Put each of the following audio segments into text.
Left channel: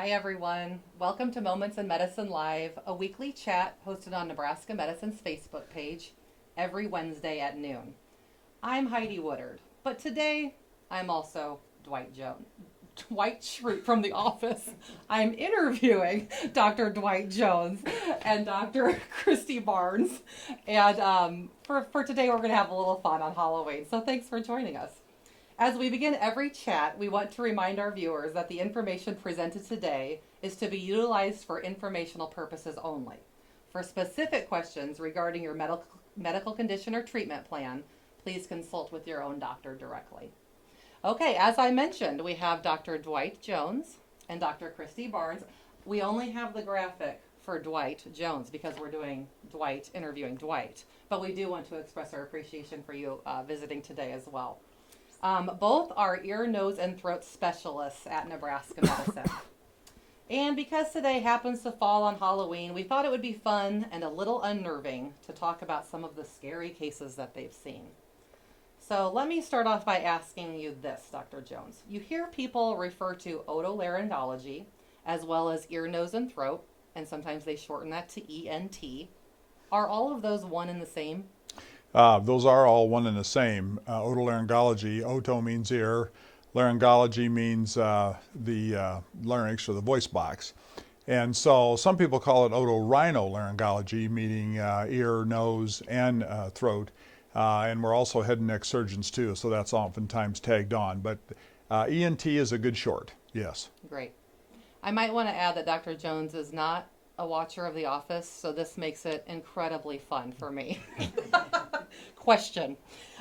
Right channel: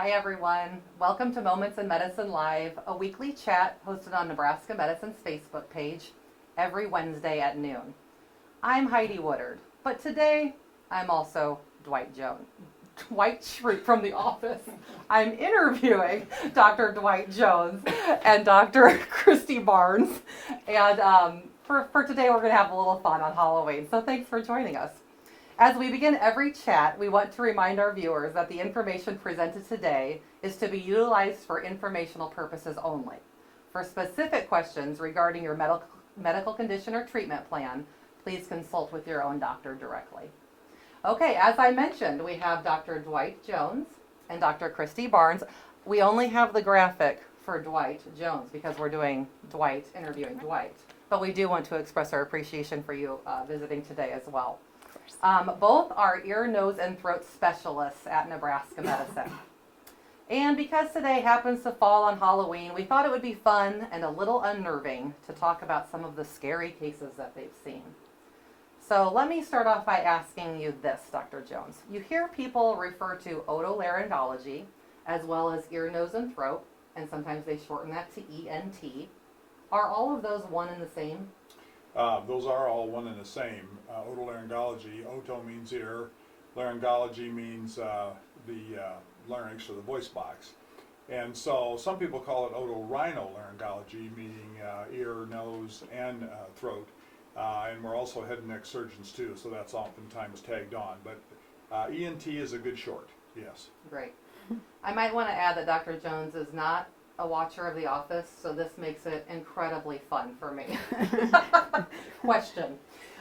Hi everyone, welcome to Moments in Medicine Live, a weekly chat hosted on Nebraska Medicine's Facebook page every Wednesday at noon. I'm Heidi Woodard, but today I'm also Dwight Schrute from The Office. I'm interviewing Dr. Dwight Jones and Dr. Christie Barnes, and for today we're going to have a little fun on Halloween, so thanks for joining us. As we begin every chat, we want to remind our viewers that the information presented today is to be utilized for informational purposes only. For specific questions regarding your medical condition or treatment plan, please consult with your own doctor directly. Okay, as I mentioned, we have Dr. Dwight Jones and Dr. Christie Barnes. We only have the graphic for Dwight Jones because we're doing Dwight interviewing Dwight, but we do want to express our appreciation for you visiting today as well. Both are ear, nose, and throat specialists at Nebraska Medicine. And because today happens to fall on Halloween, we thought it would be fun and a little unnerving to talk about some of the scary cases that they've seen. So let me start off by asking you this, Dr. Jones. You hear people refer to otolaryngology as well as ear, nose, and throat, and sometimes they shorten that to ENT. Are all of those one and the same? Those are all one and the same. Otolaryngology, oto means ear, laryngology means the larynx or the voice box. And so some people call it otorhinolaryngology, meaning ear, nose, and throat. And we're also head and neck surgeons too, so that's oftentimes tagged on. But ENT is a good short, yes. Great. I might want to add that Dr. Jones is not a watcher of The Office, so this makes it incredibly fun for me. Question.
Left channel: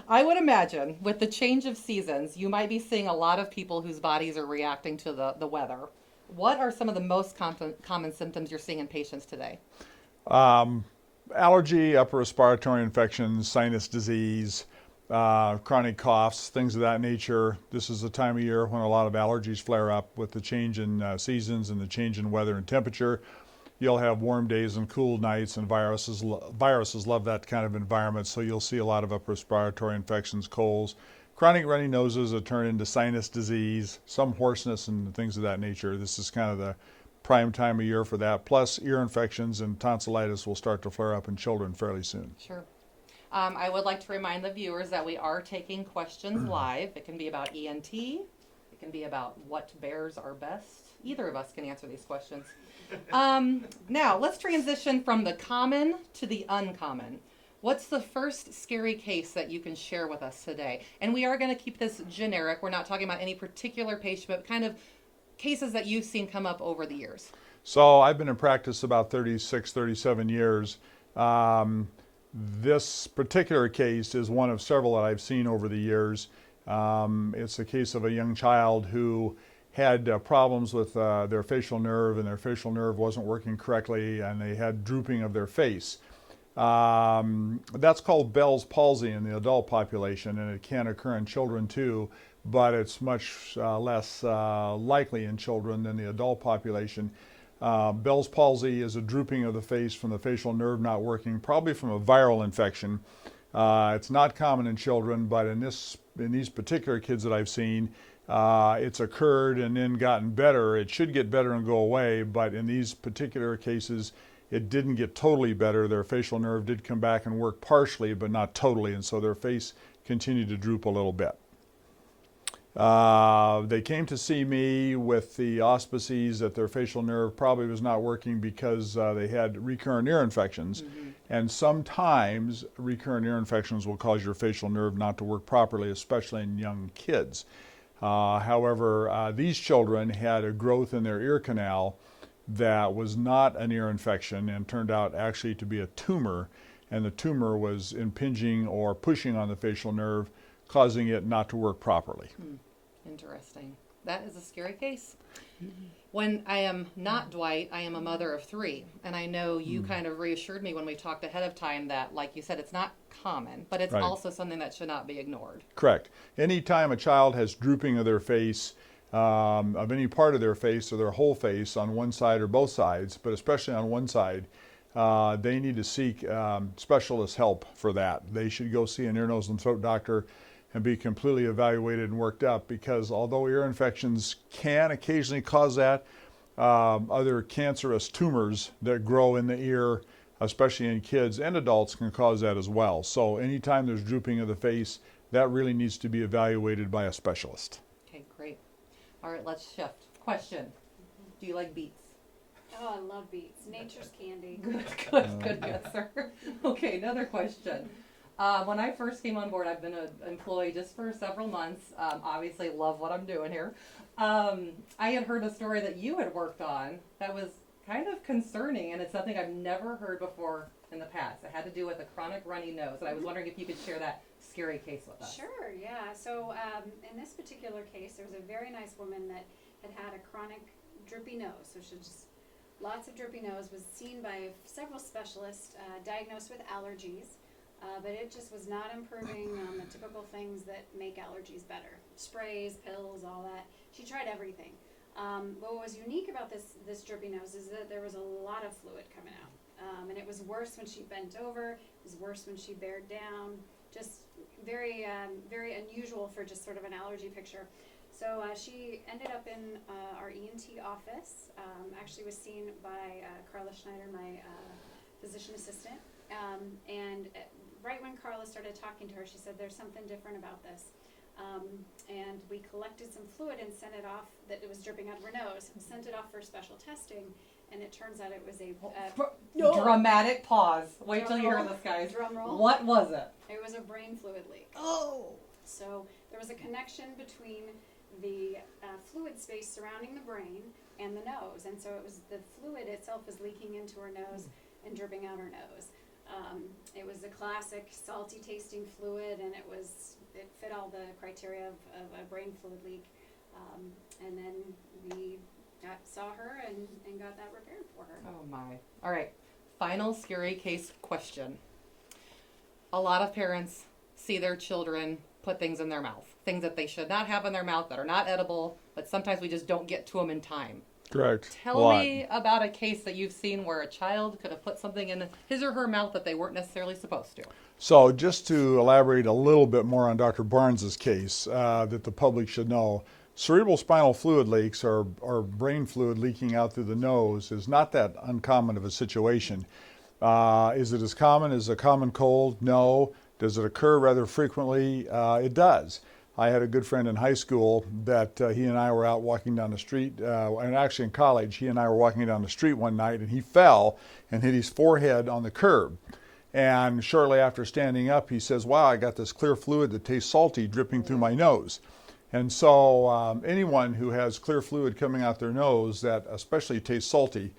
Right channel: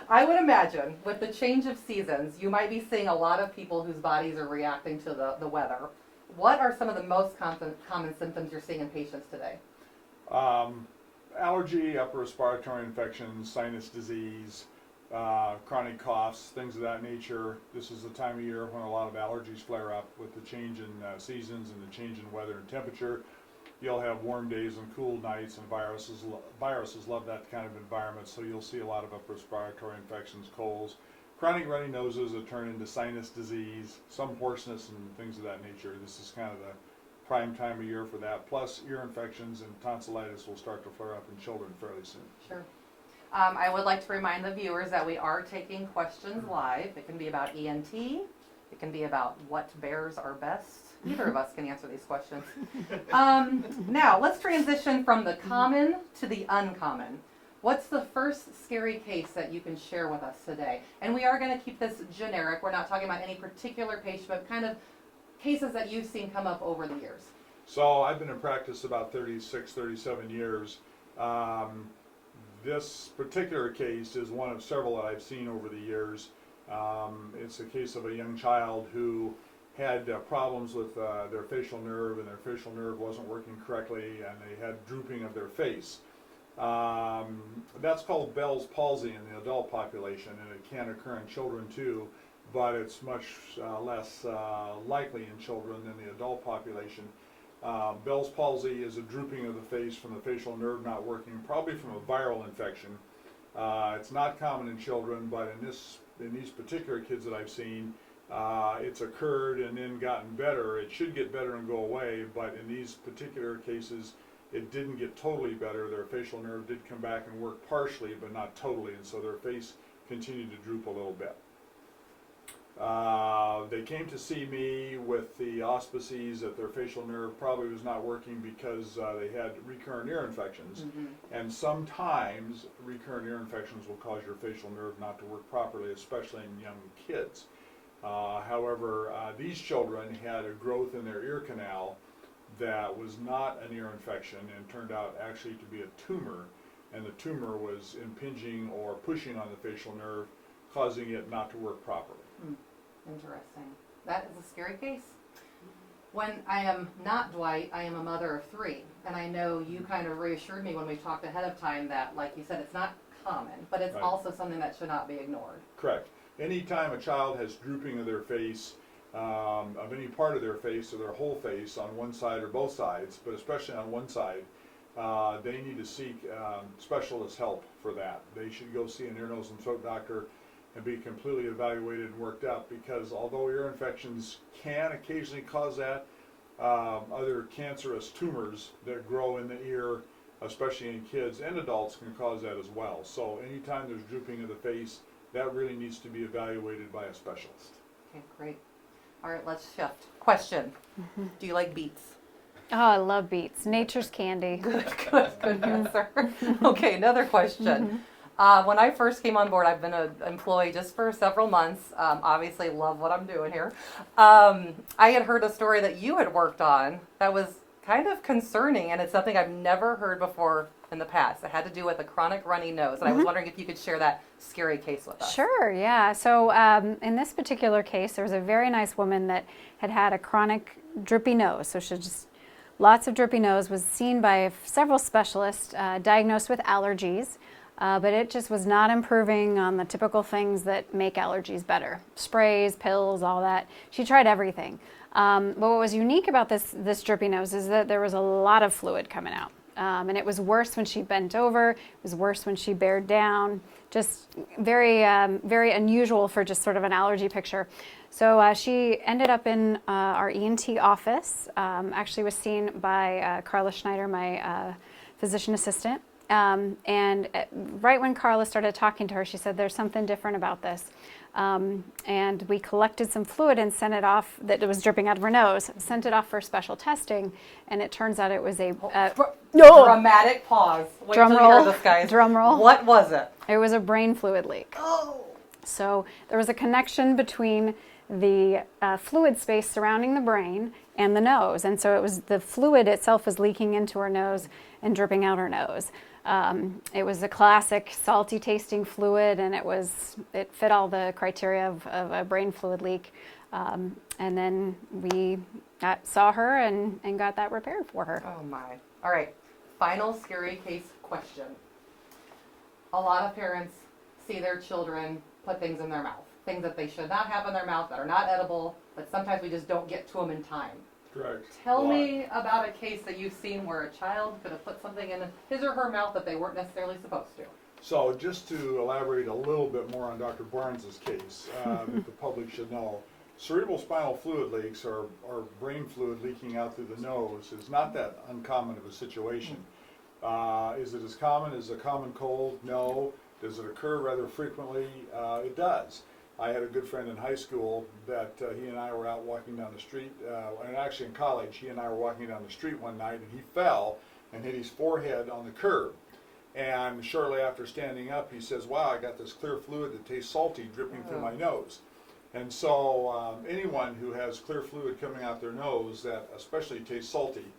I would imagine with the change of seasons, you might be seeing a lot of people whose bodies are reacting to the weather. What are some of the most common symptoms you're seeing in patients today? Allergy, upper respiratory infections, sinus disease, chronic coughs, things of that nature. This is the time of year when a lot of allergies flare up with the change in seasons and the change in weather and temperature. You'll have warm days and cool nights, and viruses love that kind of environment, so you'll see a lot of upper respiratory infections, colds, chronic runny noses that turn into sinus disease, some hoarseness and things of that nature. This is kind of the prime time of year for that. Plus, ear infections and tonsillitis will start to flare up in children fairly soon. Sure. I would like to remind the viewers that we are taking questions live. It can be about ENT. It can be about what bears are best. Either of us can answer these questions. Now, let's transition from the common to the uncommon. What's the first scary case that you can share with us today? And we are going to keep this generic. We're not talking about any particular patient, but kind of cases that you've seen come up over the years. So I've been in practice about 36, 37 years. This particular case is one of several that I've seen over the years. It's a case of a young child who had problems with their facial nerve, and their facial nerve wasn't working correctly, and they had drooping of their face. That's called Bell's palsy in the adult population, and it can occur in children too, but it's much less likely in children than the adult population. Bell's palsy is a drooping of the face from the facial nerve not working, probably from a viral infection. It's not common in children, but in these particular kids that I've seen, it's occurred and then gotten better. It should get better and go away, but in these particular cases, it didn't get totally better. Their facial nerve did come back and work partially, but not totally, and so their face continued to droop a little bit. They came to see me with the auspices that their facial nerve probably was not working because they had recurrent ear infections. And sometimes recurrent ear infections will cause your facial nerve not to work properly, especially in young kids. However, these children had a growth in their ear canal that was not an ear infection and turned out actually to be a tumor, and the tumor was impinging or pushing on the facial nerve, causing it not to work properly. Interesting. That is a scary case. When I am not Dwight, I am a mother of 3, and I know you kind of reassured me when we talked ahead of time that, like you said, it's not common, but it's also something that should not be ignored. Correct. Anytime a child has drooping of their face, of any part of their face or their whole face on one side or both sides, but especially on one side, they need to seek specialist help for that. They should go see an ear, nose, and throat doctor and be completely evaluated and worked up, because although ear infections can occasionally cause that, other cancerous tumors that grow in the ear, especially in kids and adults, can cause that as well. So anytime there's drooping of the face, that really needs to be evaluated by a specialist. Okay, great. All right, let's shift. Question. Do you like beets? Oh, I love beets. Nature's candy. Good answer. Okay, another question. When I first came on board, I've been an employee just for several months. Obviously, love what I'm doing here. I had heard a story that you had worked on that was kind of concerning, and it's something I've never heard before in the past. It had to do with a chronic runny nose, and I was wondering if you could share that scary case with us. Sure, yeah. So in this particular case, there was a very nice woman that had a chronic drippy nose. So she just lots of drippy nose, was seen by several specialists, diagnosed with allergies, but it just was not improving on the typical things that make allergies better. Sprays, pills, all that. She tried everything. But what was unique about this drippy nose is that there was a lot of fluid coming out. And it was worse when she bent over, it was worse when she bared down, just very, very unusual for just sort of an allergy picture. So she ended up in our ENT office, actually was seen by Carla Schneider, my physician assistant. And right when Carla started talking to her, she said, there's something different about this. And we collected some fluid and sent it off, that it was dripping out of her nose, sent it off for special testing, and it turns out it was a... Dramatic pause. Wait Drum till you roll. hear this, guys. Drum roll. What was it? It was a brain fluid leak. Oh! So there was a connection between the fluid space surrounding the brain and the nose, and so it was the fluid itself was leaking into her nose and dripping out her nose. It was a classic salty tasting fluid, and it fit all the criteria of a brain fluid leak. And then we saw her and got that repaired for her. Oh my. All right. Final scary case question. A lot of parents see their children put things in their mouth, things that they should not have in their mouth, that are not edible, but sometimes we just don't get to them in time. Correct. Tell me about a case that you've seen where a child could have put something in his or her mouth that they weren't necessarily supposed to. So just to elaborate a little bit more on Dr. Barnes' case that the public should know, cerebral spinal fluid leaks or brain fluid leaking out through the nose is not that uncommon of a situation. Is it as common as a common cold? No. Does it occur rather frequently? It does. I had a good friend in high school that he and I were out walking down the street, and actually in college, he and I were walking down the street one night, and he fell and hit his forehead on the curb. And shortly after standing up, he says, wow, I got this clear fluid that tastes salty dripping through my nose. And so anyone who has clear fluid coming out their nose that especially tastes salty,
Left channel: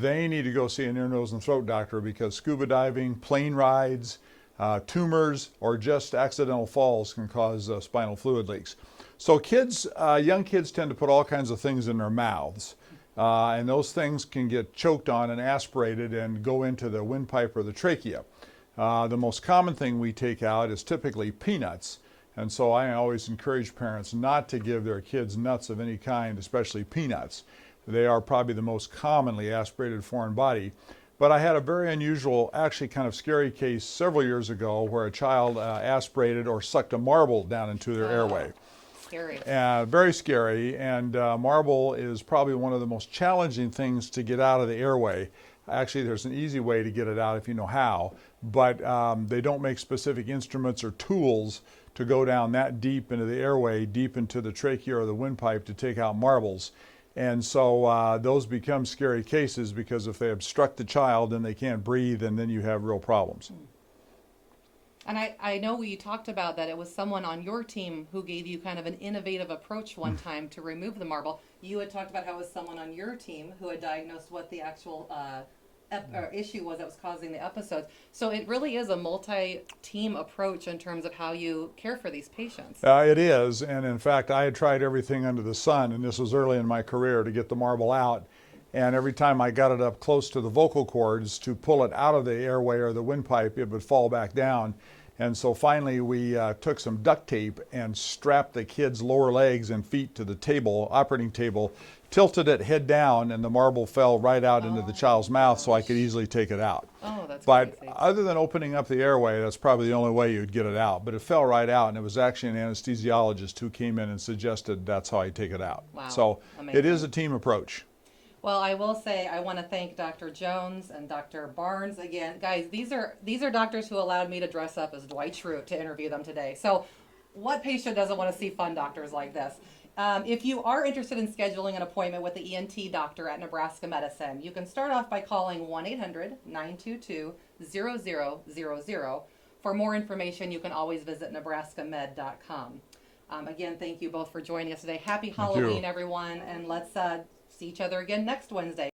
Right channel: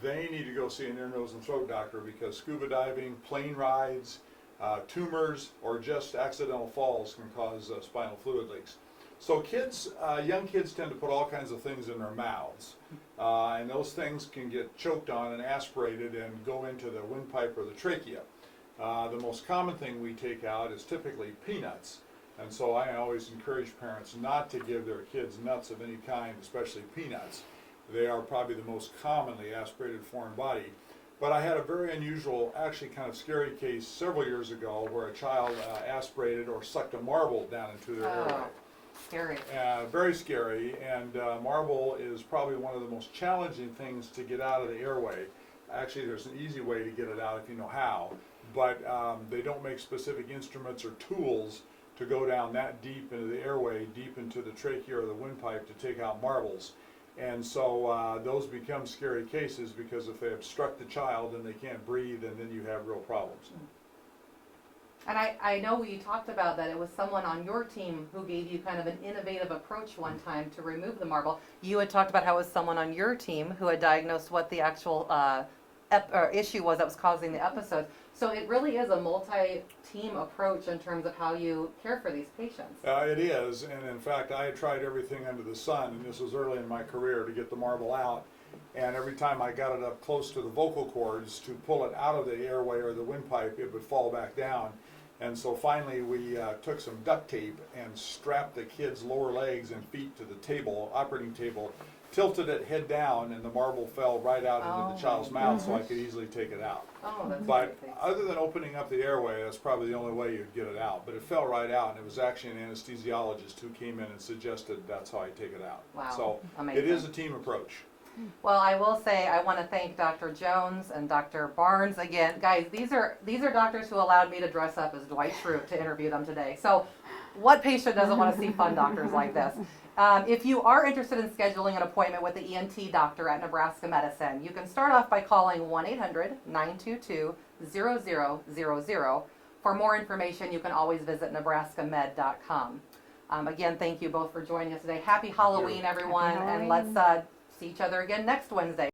they need to go see an ear, nose, and throat doctor, because scuba diving, plane rides, tumors, or just accidental falls can cause spinal fluid leaks. So kids, young kids tend to put all kinds of things in their mouths, and those things can get choked on and aspirated and go into the windpipe or the trachea. The most common thing we take out is typically peanuts, and so I always encourage parents not to give their kids nuts of any kind, especially peanuts. They are probably the most commonly aspirated foreign body. But I had a very unusual, actually kind of scary case several years ago where a child aspirated or sucked a marble down into their airway. Scary. Very scary, and marble is probably one of the most challenging things to get out of the airway. Actually, there's an easy way to get it out if you know how, but they don't make specific instruments or tools to go down that deep into the airway, deep into the trachea or the windpipe to take out marbles. And so those become scary cases, because if they obstruct the child, then they can't breathe, and then you have real problems. And I know you talked about that it was someone on your team who gave you kind of an innovative approach one time to remove the marble. You had talked about how it was someone on your team who had diagnosed what the actual issue was that was causing the episode. So it really is a multi-team approach in terms of how you care for these patients. It is, and in fact, I had tried everything under the sun, and this was early in my career, to get the marble out. And every time I got it up close to the vocal cords to pull it out of the airway or the windpipe, it would fall back down. And so finally we took some duct tape and strapped the kid's lower legs and feet to the table, operating table, tilted it head down, and the marble fell right out into the child's mouth, so I could easily take it out. Oh, that's But amazing. other than opening up the airway, that's probably the only way you'd get it out. But it fell right out, and it was actually an anesthesiologist who came in and suggested that's how I take it out. Wow. So Amazing. it is a team approach. Well, I will say I want to thank Dr. Jones and Dr. Barnes again. Guys, these are doctors who allowed me to dress up as Dwight Schrute to interview them today. So what patient doesn't want to see fun doctors like this? If you are interested in scheduling an appointment with the Ent Doctor at Nebraska Medicine, you can start off by calling 1-800-922-0000. For more information, you can always visit nebraskamed.com. Again, thank you both for joining us today. Happy Halloween, everyone, Happy and Halloween. let's see each other again next Wednesday.